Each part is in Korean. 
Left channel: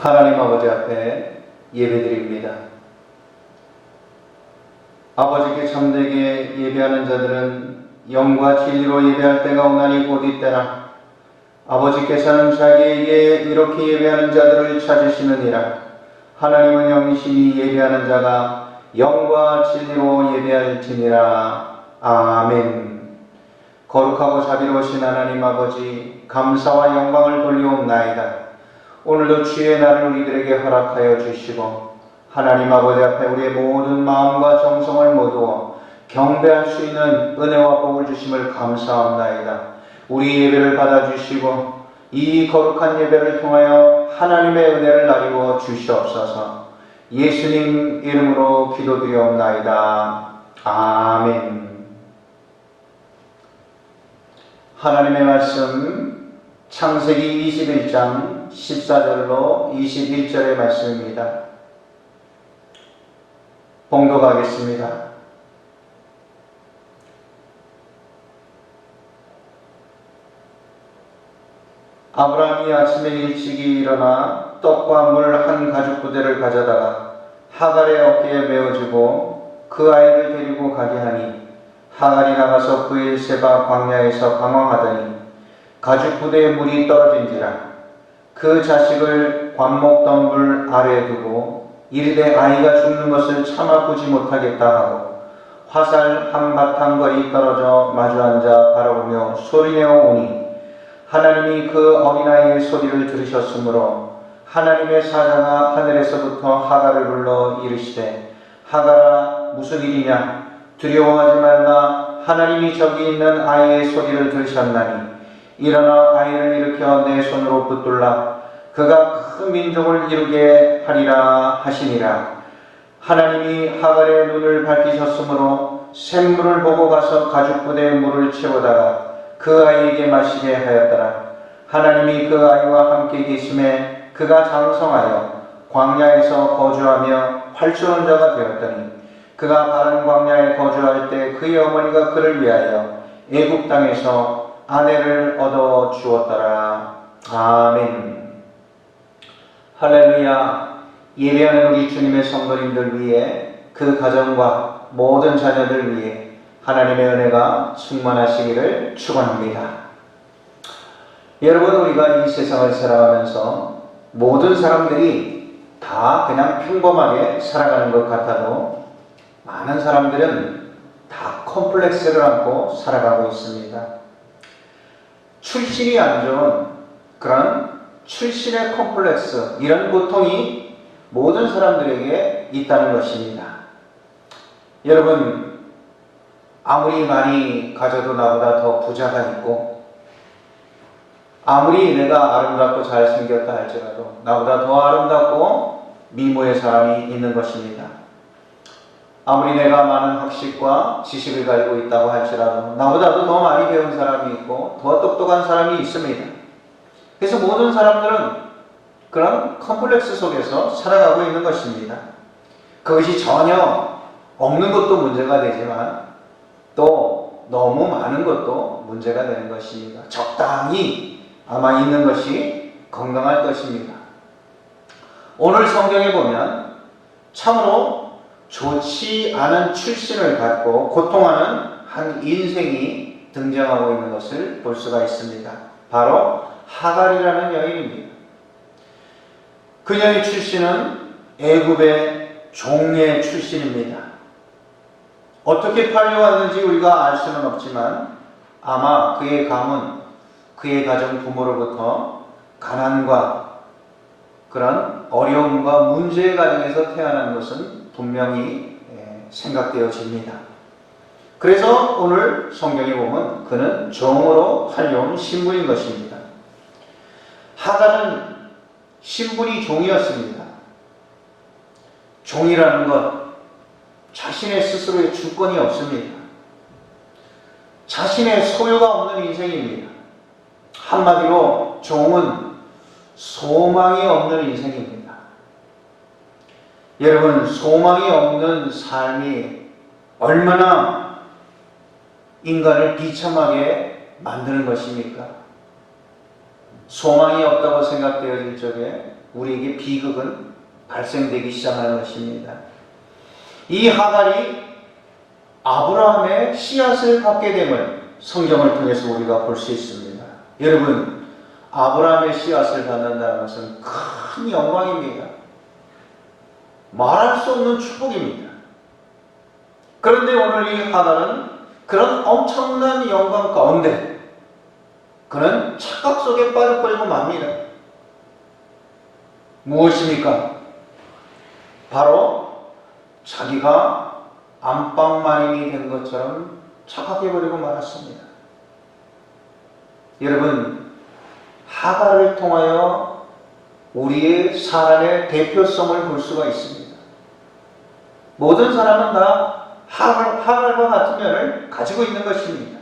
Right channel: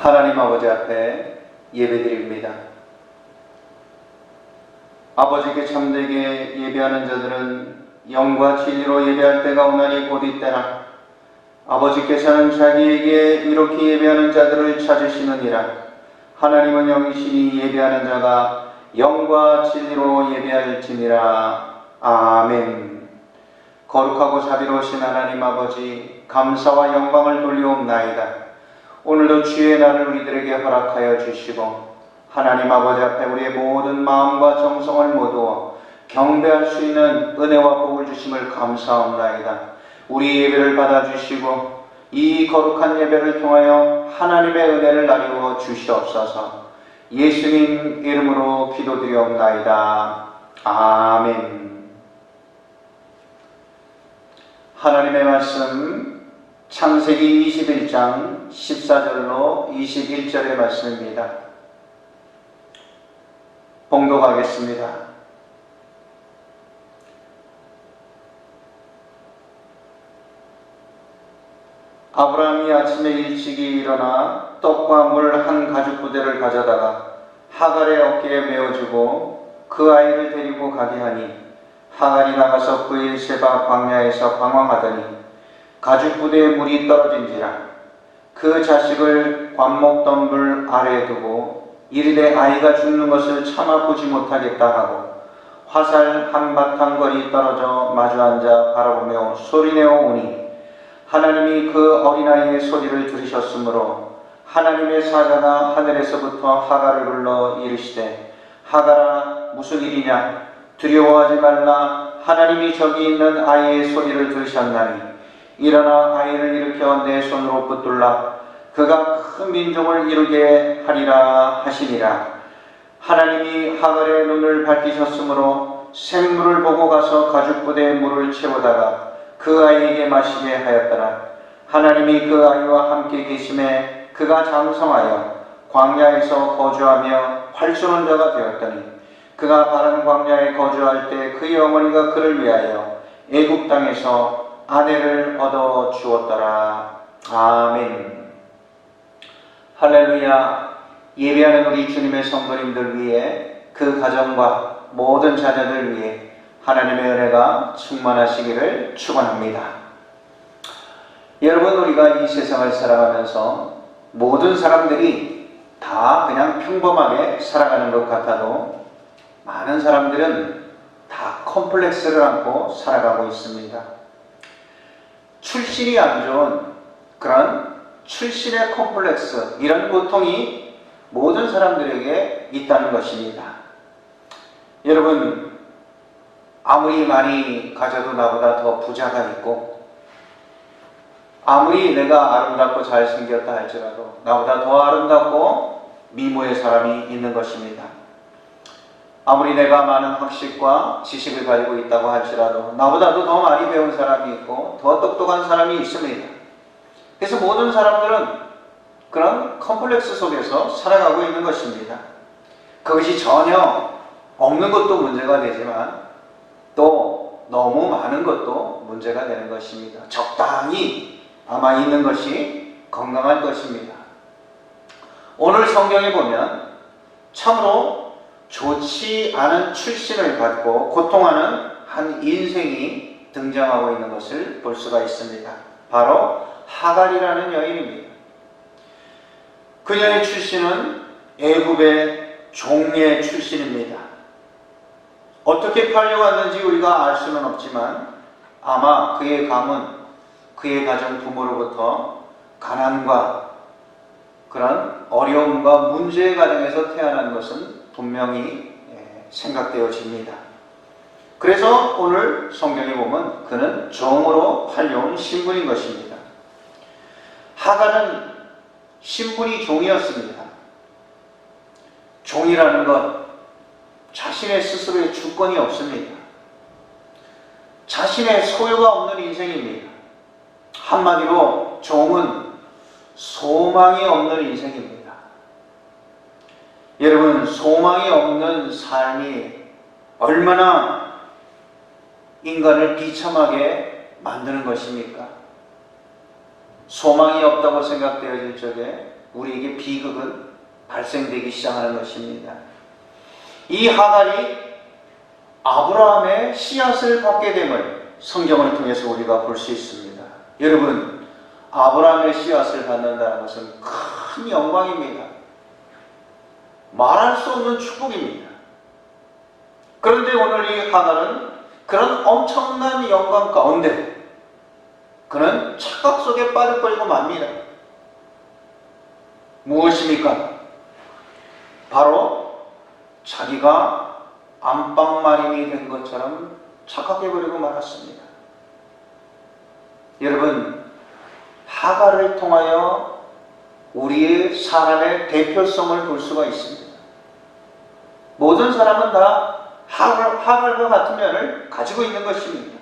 하나님 아버지 앞에 예배드립니다. 아버지께 참되게 예배하는 자들은 영과 진리로 예배할 때가 오나니 곧 이때라. 아버지께서는 자기에게 이렇게 예배하는 자들을 찾으시느니라. 하나님은 영이시니 예배하는 자가 영과 진리로 예배할지니라. 아멘. 거룩하고 자비로우신 하나님 아버지, 감사와 영광을 돌려옵나이다. 오늘도 주의 날을 우리들에게 허락하여 주시고 하나님 아버지 앞에 우리의 모든 마음과 정성을 모두어 경배할 수 있는 은혜와 복을 주심을 감사합나이다. 우리 예배를 받아주시고 이 거룩한 예배를 통하여 하나님의 은혜를 나누어 주시옵소서. 예수님 이름으로 기도드리옵나이다. 아멘. 하나님의 말씀 창세기 21장 14절로 21절의 말씀입니다. 봉독하겠습니다. 아브라함이 아침에 일찍이 일어나 떡과 물 한 가죽부대를 가져다가 하갈의 어깨에 메어주고 그 아이를 데리고 가게 하니 하갈이 나가서 브엘세바 광야에서 방황하더니 가죽부대에 물이 떨어진지라. 그 자식을 관목덤불 아래에 두고 이르되 아이가 죽는 것을 참아 보지 못하겠다 하고 화살 한 바탕거리 떨어져 마주 앉아 바라보며 소리내어 오니 하나님이 그 어린아이의 소리를 들으셨으므로 하나님의 사자가 하늘에서부터 하갈을 불러 이르시되 하갈아 무슨 일이냐 두려워하지 말라. 하나님이 저기 있는 아이의 소리를 들으셨나니 일어나 아이를 일으켜 내 손으로 붙들라. 그가 큰 민족을 이루게 하리라 하시니라. 하나님이 하갈의 눈을 밝히셨으므로 샘물을 보고 가서 가죽부대에 물을 채우다가 그 아이에게 마시게 하였더라. 하나님이 그 아이와 함께 계심에 그가 장성하여 광야에서 거주하며 활쏘는 자가 되었더니 그가 바른 광야에 거주할 때 그의 어머니가 그를 위하여 애굽 땅에서 아내를 얻어 주었더라. 아멘. 할렐루야. 예배하는 우리 주님의 성도님들 위해 그 가정과 모든 자녀들 위해 하나님의 은혜가 충만하시기를 축원합니다. 여러분, 우리가 이 세상을 살아가면서 모든 사람들이 다 그냥 평범하게 살아가는 것 같아도 많은 사람들은 다 컴플렉스를 안고 살아가고 있습니다. 출신이 안 좋은 그런 출신의 컴플렉스, 이런 고통이 모든 사람들에게 있다는 것입니다. 여러분, 아무리 많이 가져도 나보다 더 부자가 있고 아무리 내가 아름답고 잘생겼다 할지라도 나보다 더 아름답고 미모의 사람이 있는 것입니다. 아무리 내가 많은 학식과 지식을 가지고 있다고 할지라도 나보다도 더 많이 배운 사람이 있고 더 똑똑한 사람이 있습니다. 그래서 모든 사람들은 그런 컴플렉스 속에서 살아가고 있는 것입니다. 그것이 전혀 없는 것도 문제가 되지만 또 너무 많은 것도 문제가 되는 것입니다. 적당히 아마 있는 것이 건강할 것입니다. 오늘 성경에 보면 참으로 좋지 않은 출신을 갖고 고통하는 한 인생이 등장하고 있는 것을 볼 수가 있습니다. 바로 하갈이라는 여인입니다. 그녀의 출신은 애굽의 종의 출신입니다. 어떻게 팔려왔는지 우리가 알 수는 없지만 아마 그의 가문, 그의 가정 부모로부터 가난과 그런 어려움과 문제의 가정에서 태어난 것은 분명히 생각되어집니다. 그래서 오늘 성경에 보면 그는 종으로 팔려온 신분인 것입니다. 하갈은 신분이 종이었습니다. 종이라는 것, 자신의 스스로의 주권이 없습니다. 자신의 소유가 없는 인생입니다. 한마디로 종은 소망이 없는 인생입니다. 여러분, 소망이 없는 삶이 얼마나 인간을 비참하게 만드는 것입니까? 소망이 없다고 생각되어질 적에 우리에게 비극은 발생되기 시작하는 것입니다. 이 하갈이 아브라함의 씨앗을 받게 됨을 성경을 통해서 우리가 볼 수 있습니다. 여러분, 아브라함의 씨앗을 받는다는 것은 큰 영광입니다. 말할 수 없는 축복입니다. 그런데 오늘 이 하갈은 그런 엄청난 영광 가운데 그는 착각 속에 빠져버리고 맙니다. 무엇입니까? 바로 자기가 안방마님이 된 것처럼 착각해버리고 말았습니다. 여러분, 하갈을 통하여 우리의 사람의 대표성을 볼 수가 있습니다. 모든 사람은 다 하갈과 같은 면을 가지고 있는 것입니다.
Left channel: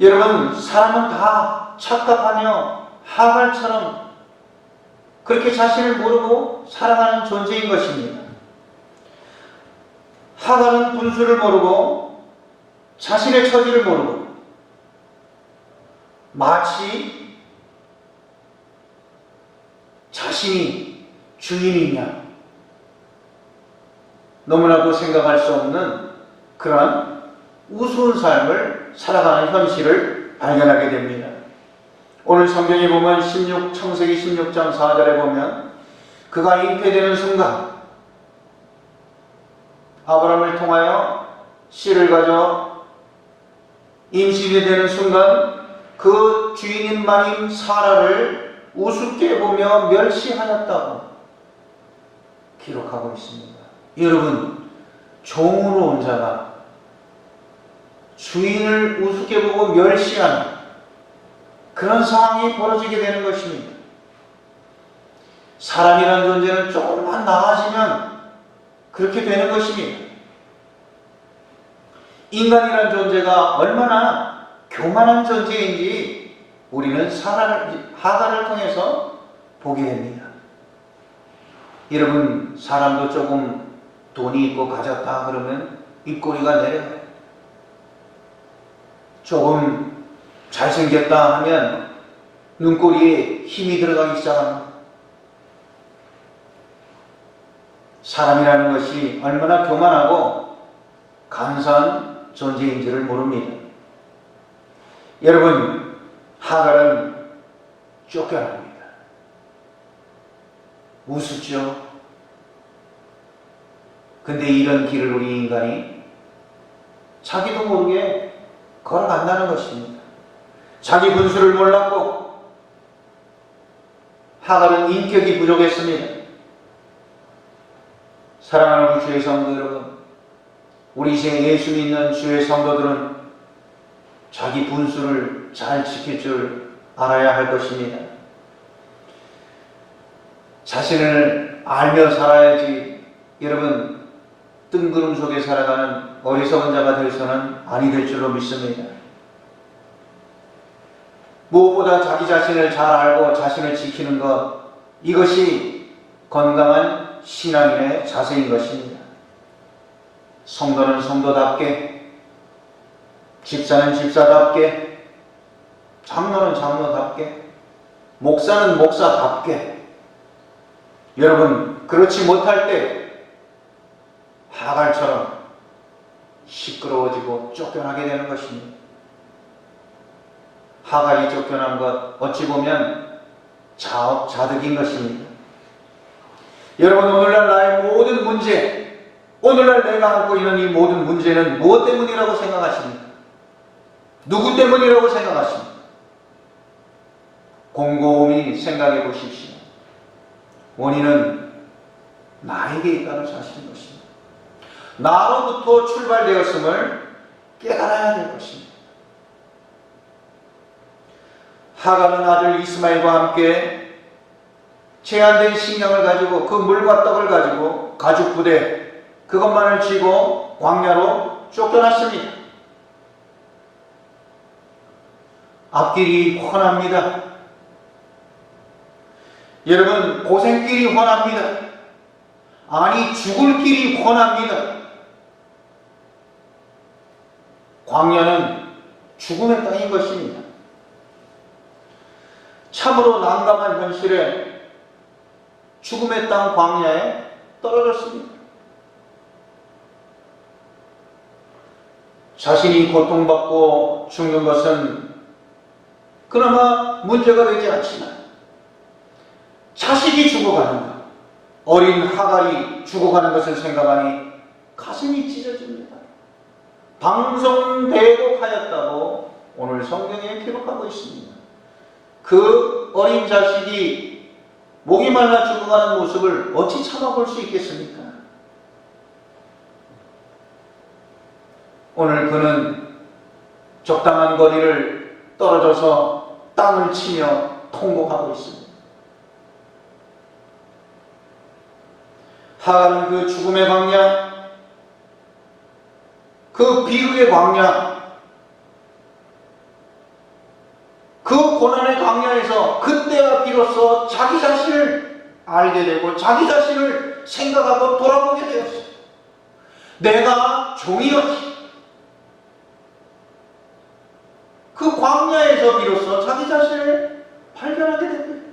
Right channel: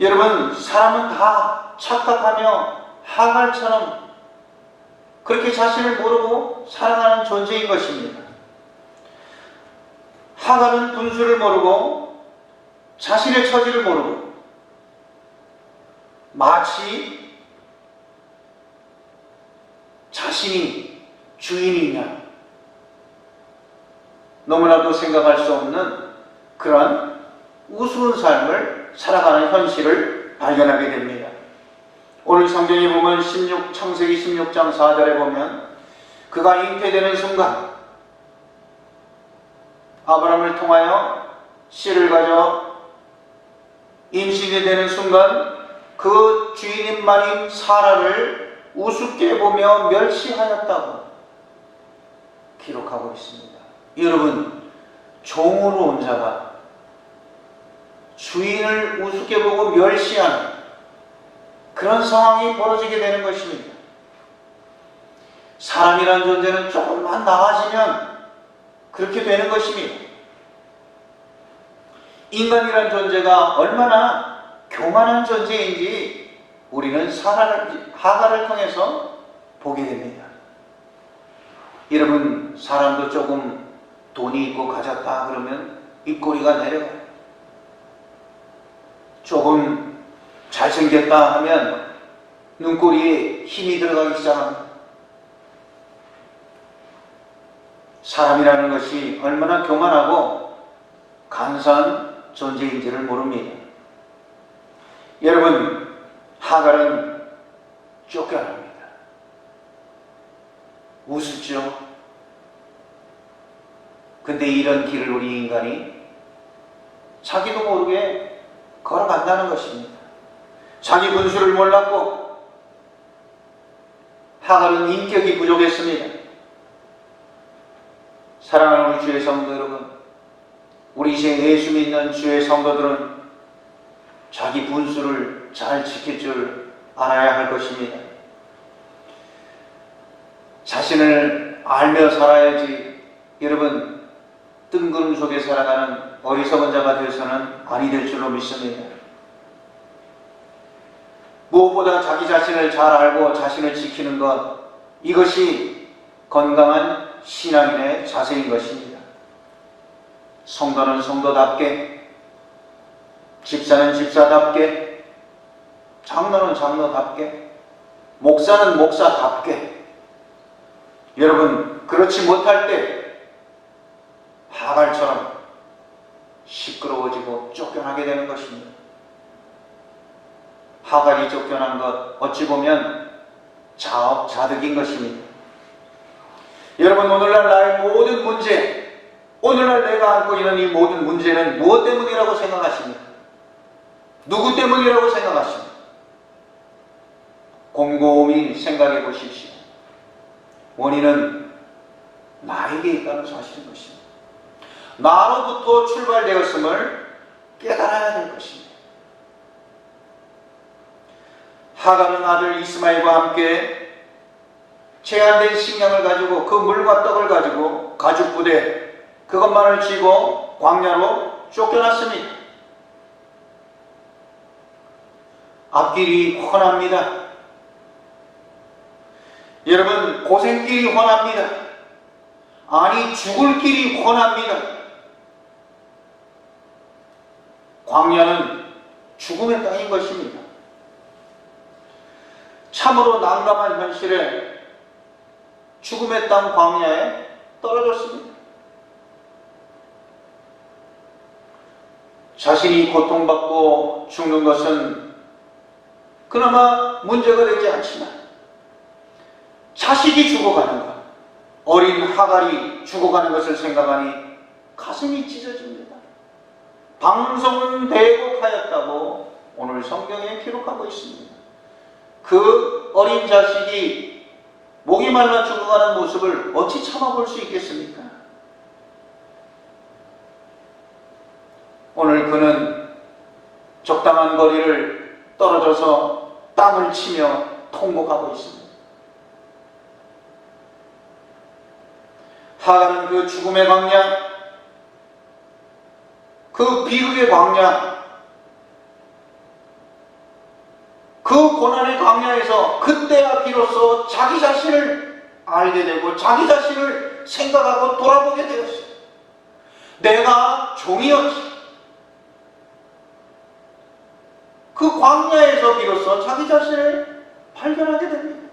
여러분, 사람은 다 착각하며 하갈처럼 그렇게 자신을 모르고 살아가는 존재인 것입니다. 하갈은 분수를 모르고 자신의 처지를 모르고 마치 자신이 주인이냐 너무나도 생각할 수 없는 그러한 우스운 삶을 살아가는 현실을 발견하게 됩니다. 오늘 성경에 보면 창세기 16장 4절에 보면 그가 잉태되는 순간 아브라함을 통하여 씨를 가져 임신이 되는 순간 그 주인인 말인 사라를 우습게 보며 멸시하였다고 기록하고 있습니다. 여러분, 종으로 온 자가 주인을 우습게 보고 멸시하는 그런 상황이 벌어지게 되는 것입니다. 사람이란 존재는 조금만 나아지면 그렇게 되는 것입니다. 인간이란 존재가 얼마나 교만한 존재인지 우리는 하갈을 통해서 보게 됩니다. 여러분, 사람도 조금 돈이 있고 가졌다 그러면 입꼬리가 내려가요. 조금 잘생겼다 하면 눈꼬리에 힘이 들어가기 시작합니다. 사람이라는 것이 얼마나 교만하고 간사한 존재인지를 모릅니다. 여러분, 하갈은 쫓겨납니다. 우습죠? 근데 이런 길을 우리 인간이 자기도 모르게 걸어간다는 것입니다. 자기 분수를 몰랐고 하갈은 인격이 부족했습니다. 사랑하는 우리 주의 성도 여러분, 우리 이제 예수 믿는 주의 성도들은 자기 분수를 잘 지킬 줄 알아야 할 것입니다. 자신을 알며 살아야지. 여러분, 뜬구름 속에 살아가는 어리석은 자가 되어서는 아니 될 줄로 믿습니다. 무엇보다 자기 자신을 잘 알고 자신을 지키는 것, 이것이 건강한 신앙인의 자세인 것입니다. 성도는 성도답게, 집사는 집사답게, 장로는 장로답게, 목사는 목사답게. 여러분, 그렇지 못할 때 하갈처럼 시끄러워지고 쫓겨나게 되는 것입니다. 하갈이 쫓겨난 것, 어찌 보면 자업자득인 것입니다. 여러분, 오늘날 나의 모든 문제, 오늘날 내가 안고 있는 이 모든 문제는 무엇 때문이라고 생각하십니까? 누구 때문이라고 생각하십니까? 곰곰이 생각해 보십시오. 원인은 나에게 있다는 사실인 것입니다. 나로부터 출발되었음을 깨달아야 될 것입니다. 하갈은 아들 이스마엘과 함께 제한된 식량을 가지고 그 물과 떡을 가지고 가죽 부대 그것만을 쥐고 광야로 쫓겨났습니다. 앞길이 훤합니다. 여러분, 고생길이 훤합니다. 아니, 죽을 길이 훤합니다. 광야는 죽음의 땅인 것입니다. 현실에 죽음의 땅 광야에 떨어졌습니다. 자신이 고통받고 죽는 것은 그나마 문제가 되지 않지만 자식이 죽어가는 것, 어린 하갈이 죽어가는 것을 생각하니 가슴이 찢어집니다. 방송대곡하였다고 오늘 성경에 기록하고 있습니다. 그 어린 자식이 목이 말라 죽어가는 모습을 어찌 참아볼 수 있겠습니까? 오늘 그는 적당한 거리를 떨어져서 땅을 치며 통곡하고 있습니다. 하갈은 그 죽음의 광야, 그 비극의 광야, 그 고난의 광야에서 그때야 비로소 자기 자신을 알게 되고 자기 자신을 생각하고 돌아보게 되었어요. 내가 종이었지. 그 광야에서 비로소 자기 자신을 발견하게 됩니다.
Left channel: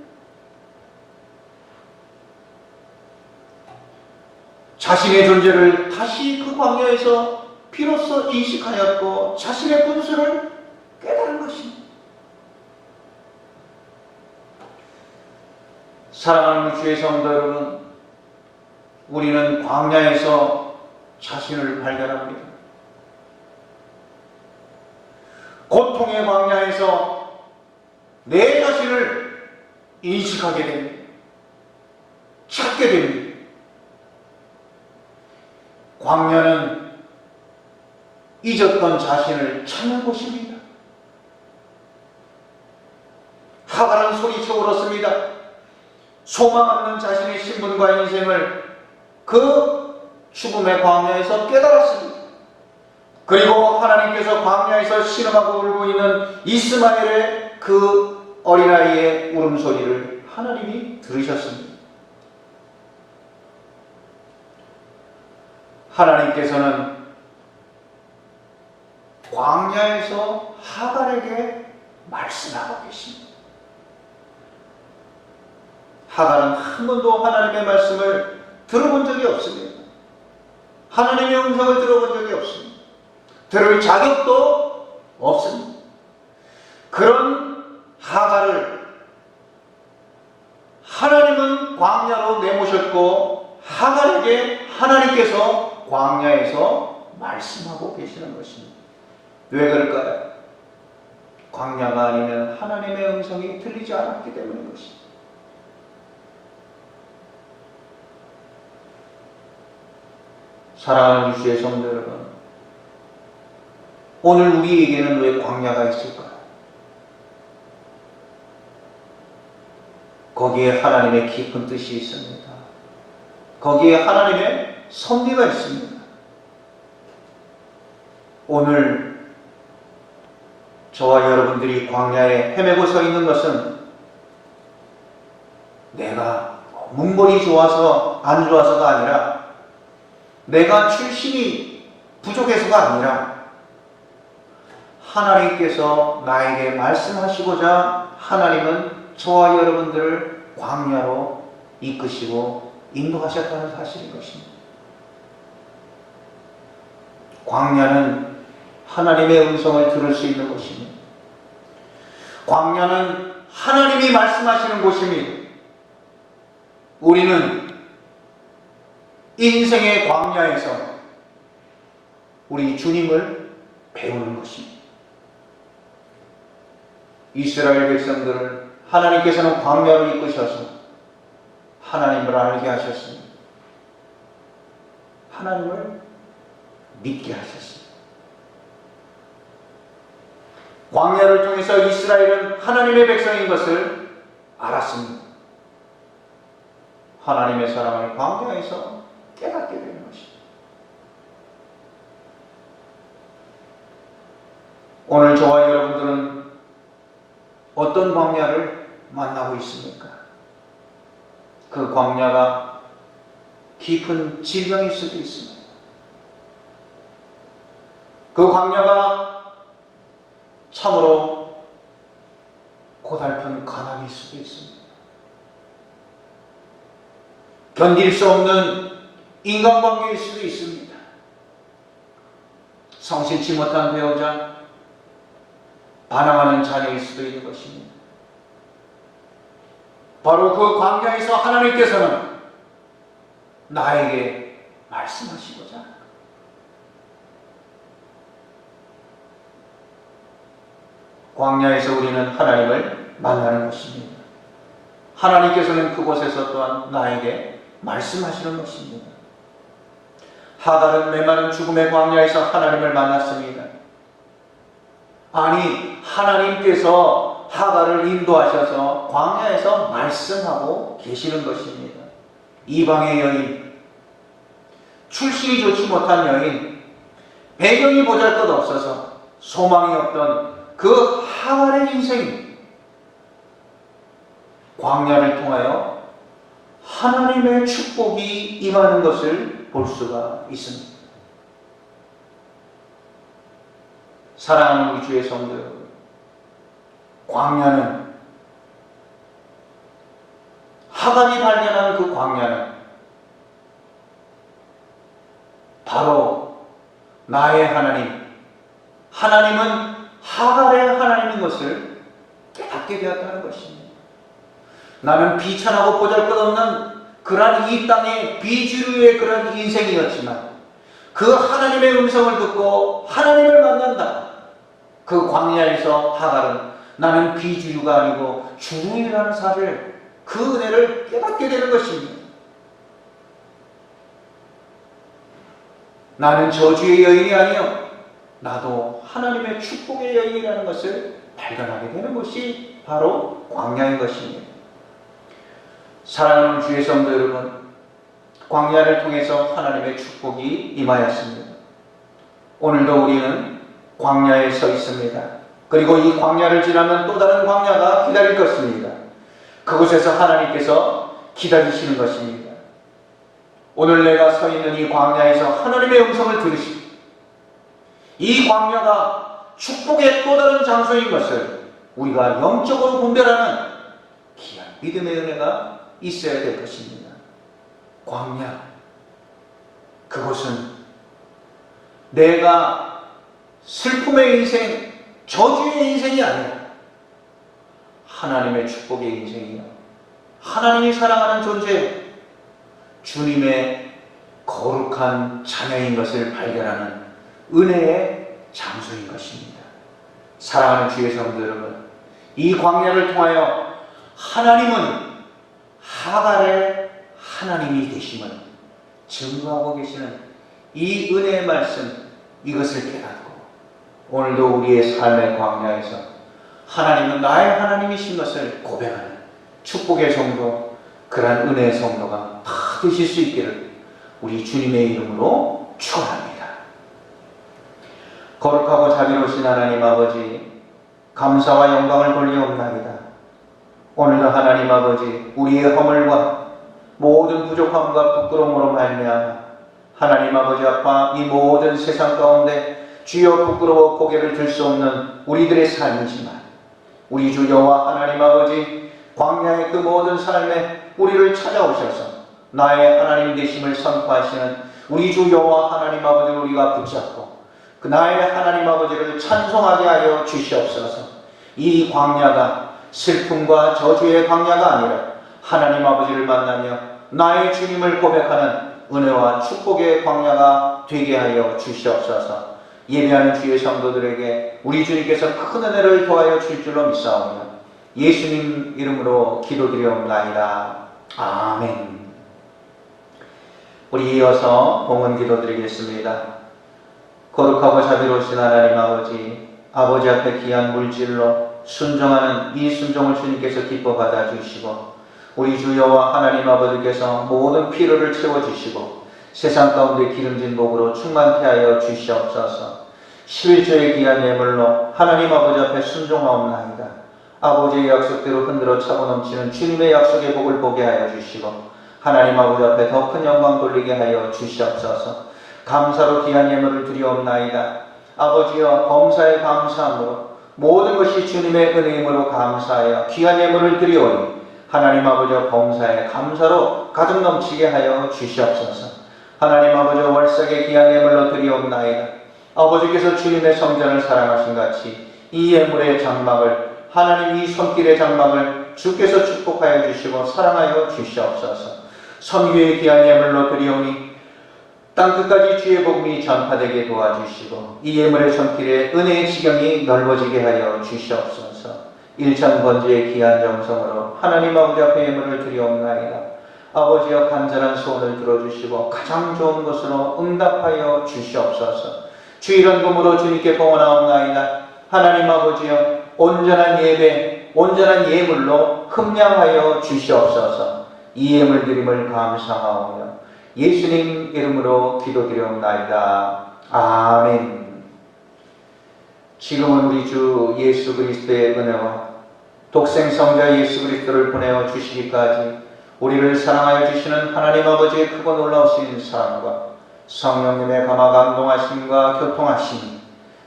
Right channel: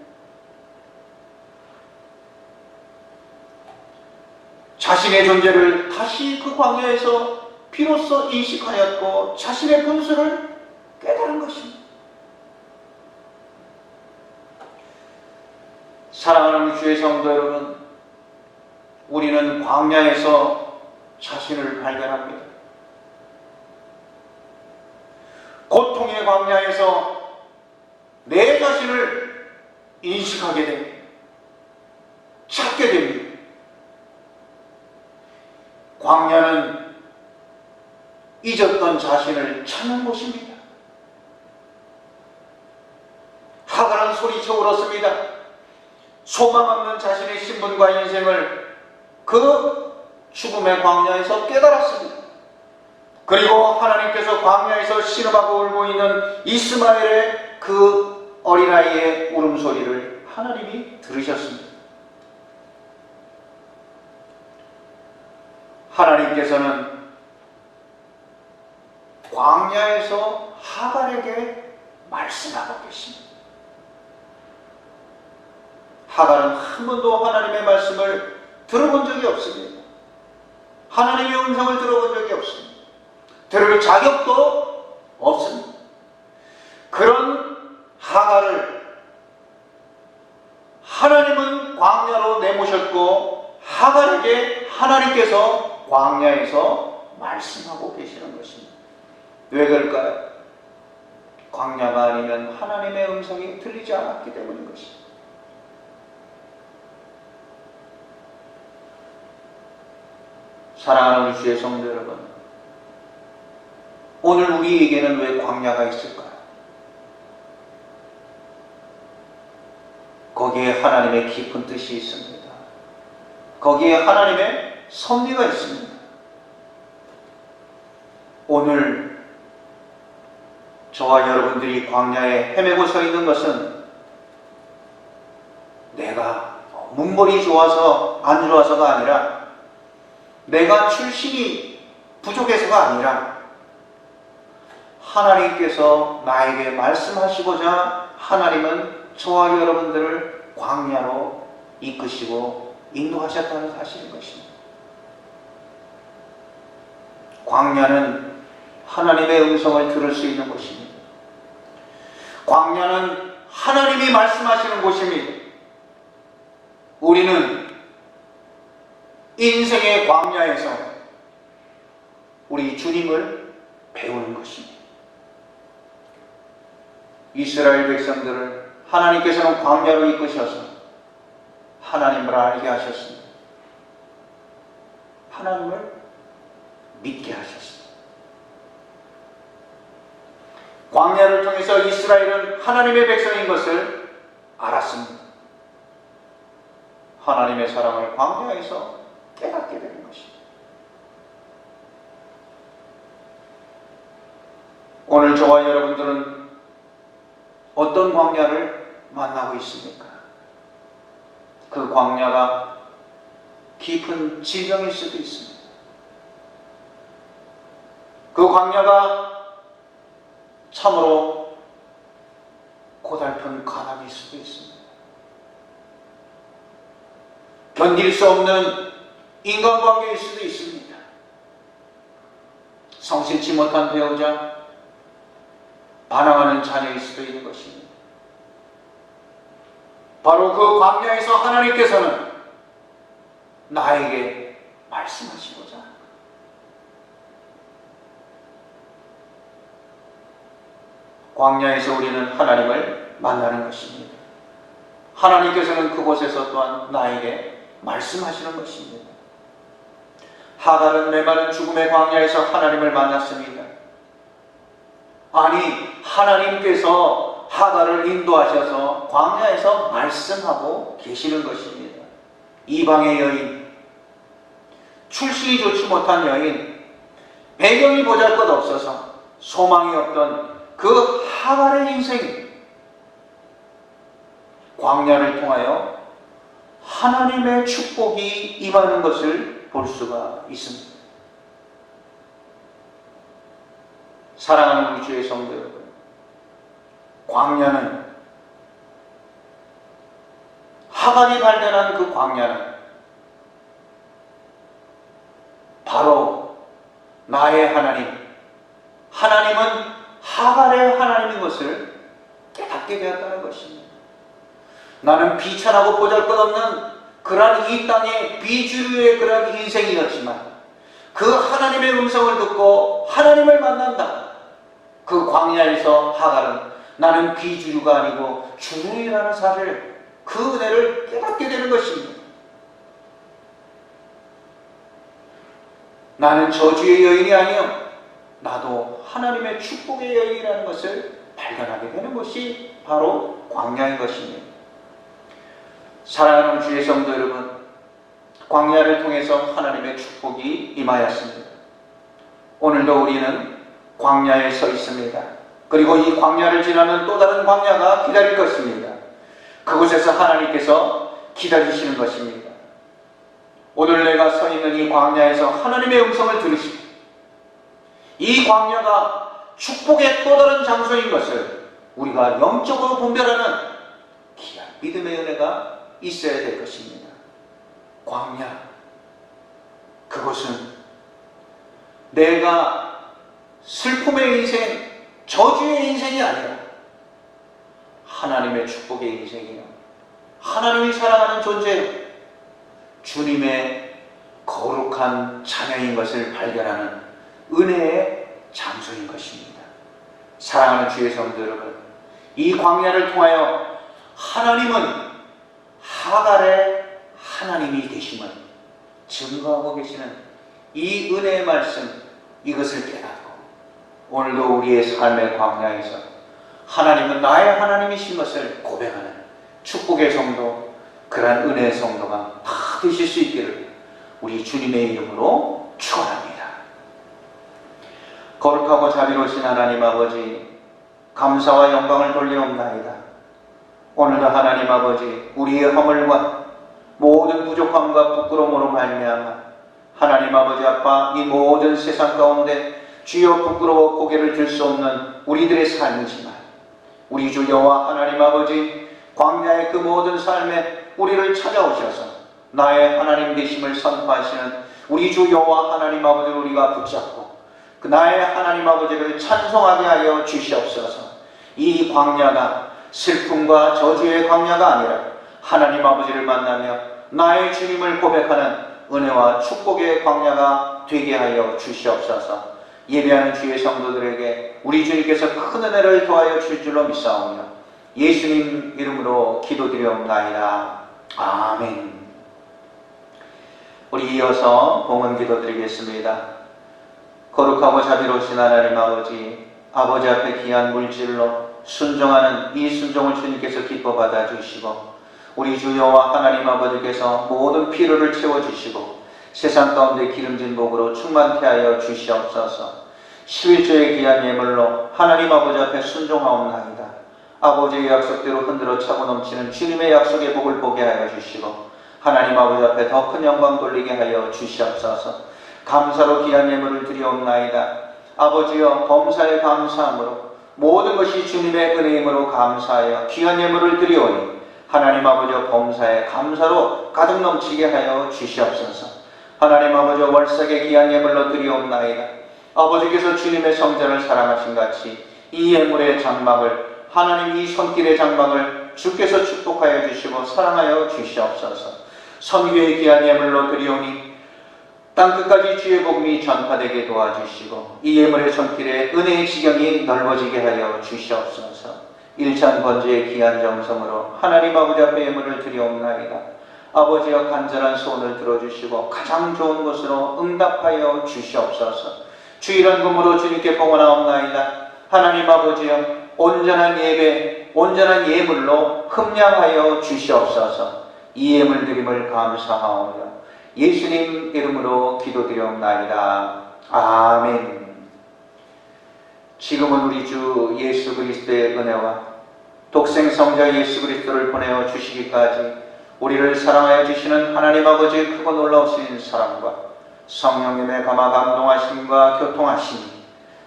자신의 존재를 다시 그 광야에서 비로소 인식하였고 자신의 분수를 깨달은 것입니다. 사랑하는 주의 성도 여러분, 우리는 광야에서 자신을 발견합니다. 고통의 광야에서 내 자신을 인식하게 됩니다. 찾게 됩니다. 광야는 잊었던 자신을 찾는 곳입니다. 하갈은 소리쳐 울었습니다. 소망 없는 자신의 신분과 인생을 그 죽음의 광야에서 깨달았습니다. 그리고 하나님께서 광야에서 신음하고 울고 있는 이스마엘의 그 어린아이의 울음소리를 하나님이 들으셨습니다. 하나님께서는 광야에서 하갈에게 말씀하고 계십니다. 하갈은 한 번도 하나님의 말씀을 들어본 적이 없습니다. 하나님의 음성을 들어본 적이 없습니다. 들을 자격도 없습니다. 그런 하갈을 하나님은 광야로 내모셨고 하갈에게 하나님께서 광야에서 말씀하고 계시는 것입니다. 왜 그럴까요? 광야가 아니면 하나님의 음성이 들리지 않았기 때문인 것입니다. 사랑하는 주의 성도 여러분, 오늘 우리에게는 왜 광야가 있을까요? 거기에 하나님의 깊은 뜻이 있습니다. 거기에 하나님의 섭리가 있습니다. 오늘 저와 여러분들이 광야에 헤매고 서 있는 것은 내가 문벌이 좋아서 안 좋아서가 아니라 내가 출신이 부족해서가 아니라 하나님께서 나에게 말씀하시고자 하나님은 저와 여러분들을 광야로 이끄시고 인도하셨다는 사실인 것입니다. 광야는 하나님의 음성을 들을 수 있는 곳입니다. 광야는 하나님이 말씀하시는 곳입니다. 우리는 인생의 광야에서 우리 주님을 배우는 것입니다. 이스라엘 백성들을 하나님께서는 광야로 이끄셔서 하나님을 알게 하셨습니다. 하나님을 믿게 하셨습니다. 광야를 통해서 이스라엘은 하나님의 백성인 것을 알았습니다. 하나님의 사랑을 광야에서 깨닫게 되는 것입니다. 오늘 저와 여러분들은 어떤 광야를 만나고 있습니까? 그 광야가 깊은 질병일 수도 있습니다. 그 광야가 참으로 고달픈 가난일 수도 있습니다. 견딜 수 없는 인간관계일 수도 있습니다. 성실치 못한 배우자, 반항하는 자녀일 수도 있는 것입니다. 바로 그 광야에서 하나님께서는 나에게 말씀하시고자 광야에서 우리는 하나님을 만나는 것입니다. 하나님께서는 그곳에서 또한 나에게 말씀하시는 것입니다. 하갈은 메마른 죽음의 광야에서 하나님을 만났습니다. 아니, 하나님께서 하갈을 인도하셔서 광야에서 말씀하고 계시는 것입니다. 이방의 여인, 출신이 좋지 못한 여인, 배경이 보잘것없어서 소망이 없던 그 하갈의 인생, 광야를 통하여 하나님의 축복이 임하는 것을 볼 수가 있습니다. 사랑하는 우리 주의 성도 여러분, 광야는, 하갈이 발견한 그 광야는 바로 나의 하나님, 하나님은 하갈의 하나님인 것을 깨닫게 되었다는 것입니다. 나는 비천하고 보잘것없는 그러한 이 땅의 비주류의 그러한 인생이었지만 그 하나님의 음성을 듣고 하나님을 만난다. 그 광야에서 하갈은 나는 비주류가 아니고 주류라는 사실, 그 은혜를 깨닫게 되는 것입니다. 나는 저주의 여인이 아니요, 나도 하나님의 축복의 여인이라는 것을 발견하게 되는 것이 바로 광야인 것입니다. 사랑하는 주의 성도 여러분, 광야를 통해서 하나님의 축복이 임하였습니다. 오늘도 우리는 광야에 서 있습니다. 그리고 이 광야를 지나면 또 다른 광야가 기다릴 것입니다. 그곳에서 하나님께서 기다리시는 것입니다. 오늘 내가 서 있는 이 광야에서 하나님의 음성을 들으시고 이 광야가 축복의 또 다른 장소인 것을 우리가 영적으로 분별하는 귀한 믿음의 은혜가 있어야 될 것입니다. 광야, 그것은 내가 슬픔의 인생, 저주의 인생이 아니라 하나님의 축복의 인생이요, 하나님이 사랑하는 존재, 주님의 거룩한 자녀인 것을 발견하는 은혜의 장소인 것입니다. 사랑하는 주의 성도 여러분, 이 광야를 통하여 하나님은 하갈의 하나님이 되심을 증거하고 계시는 이 은혜의 말씀, 이것을 깨닫고 오늘도 우리의 삶의 광야에서 하나님은 나의 하나님이신 것을 고백하는 축복의 성도, 그러한 은혜의 성도가 다 되실 수 있기를 우리 주님의 이름으로 축원합니다. 거룩하고 자비로우신 하나님 아버지, 감사와 영광을 돌리옵나이다. 오늘도 하나님 아버지, 우리의 허물과 모든 부족함과 부끄러움으로 말미암아 하나님 아버지 아빠, 이 모든 세상 가운데 주여 부끄러워 고개를 들 수 없는 우리들의 삶이지만 우리 주 여호와 하나님 아버지, 광야의 그 모든 삶에 우리를 찾아오셔서 나의 하나님 되심을 선포하시는 우리 주 여호와 하나님 아버지를 우리가 붙잡고 그 나의 하나님 아버지를 찬송하게 하여 주시옵소서. 이 광야가 슬픔과 저주의 광야가 아니라 하나님 아버지를 만나며 나의 주님을 고백하는 은혜와 축복의 광야가 되게 하여 주시옵소서. 예배하는 주의 성도들에게 우리 주님께서 큰 은혜를 더하여 줄 줄로 믿사오며 예수님 이름으로 기도드리옵나이다. 아멘. 우리 이어서 봉헌 기도드리겠습니다. 거룩하고 자비로우신 하나님 아버지, 아버지 앞에 귀한 물질로 순종하는 이 순종을 주님께서 기뻐 받아주시고 우리 주 여호와 하나님 아버지께서 모든 필요를 채워주시고 세상 가운데 기름진 복으로 충만케 하여 주시옵소서. 11조의 귀한 예물로 하나님 아버지 앞에 순종하옵나이다. 아버지의 약속대로 흔들어 차고 넘치는 주님의 약속의 복을 보게 하여 주시고 하나님 아버지 앞에 더 큰 영광 돌리게 하여 주시옵소서. 감사로 귀한 예물을 드리옵나이다. 아버지여, 범사에 감사함으로 모든 것이 주님의 은혜임으로 감사하여 귀한 예물을 드리오니 하나님 아버지 범사에 감사로 가득 넘치게 하여 주시옵소서. 하나님 아버지 월삭의 귀한 예물로 드리옵나이다. 아버지께서 주님의 성전을 사랑하신 같이 이 예물의 장막을, 하나님 이 손길의 장막을 주께서 축복하여 주시고 사랑하여 주시옵소서. 선교의 귀한 예물로 드리오니 땅끝까지 주의 복음이 전파되게 도와주시고 이 예물의 손길에 은혜의 지경이 넓어지게 하여 주시옵소서. 일천 번제의 귀한 정성으로 하나님 아버지 앞에 예물을 드리옵나이다. 아버지여 간절한 소원을 들어주시고 가장 좋은 것으로 응답하여 주시옵소서. 주일원금으로 주님께 봉헌하옵나이다. 하나님 아버지여 온전한 예배, 온전한 예물로 흠량하여 주시옵소서. 이 예물 드림을 감사하오며 예수님 이름으로 기도드리옵나이다. 아멘. 지금은 우리 주 예수 그리스도의 은혜와 독생 성자 예수 그리스도를 보내어 주시기까지 우리를 사랑하여 주시는 하나님 아버지의 크고 놀라우신 사랑과 성령님의 감화 감동하심과 교통하심이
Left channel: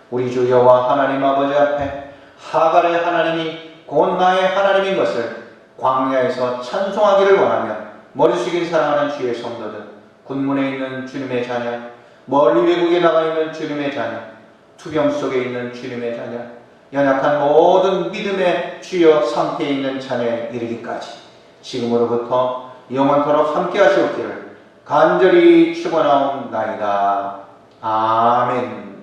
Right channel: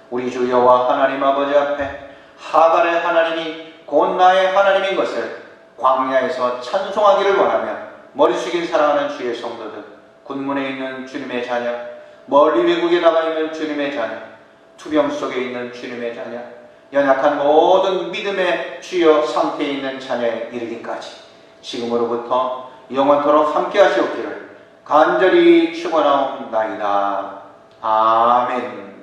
우리 주 여호와 하나님 아버지 앞에 하갈의 하나님이 곧 나의 하나님인 것을 광야에서 찬송하기를 원하며 머리 숙인 사랑하는 주의 성도들, 군문에 있는 주님의 자녀, 멀리 외국에 나가 있는 주님의 자녀, 투병 속에 있는 주님의 자녀, 연약한 모든 믿음의 주여 상태에 있는 자녀에 이르기까지 지금으로부터 영원토록 함께 하시옵기를 간절히 축원하옵나이다. 아멘.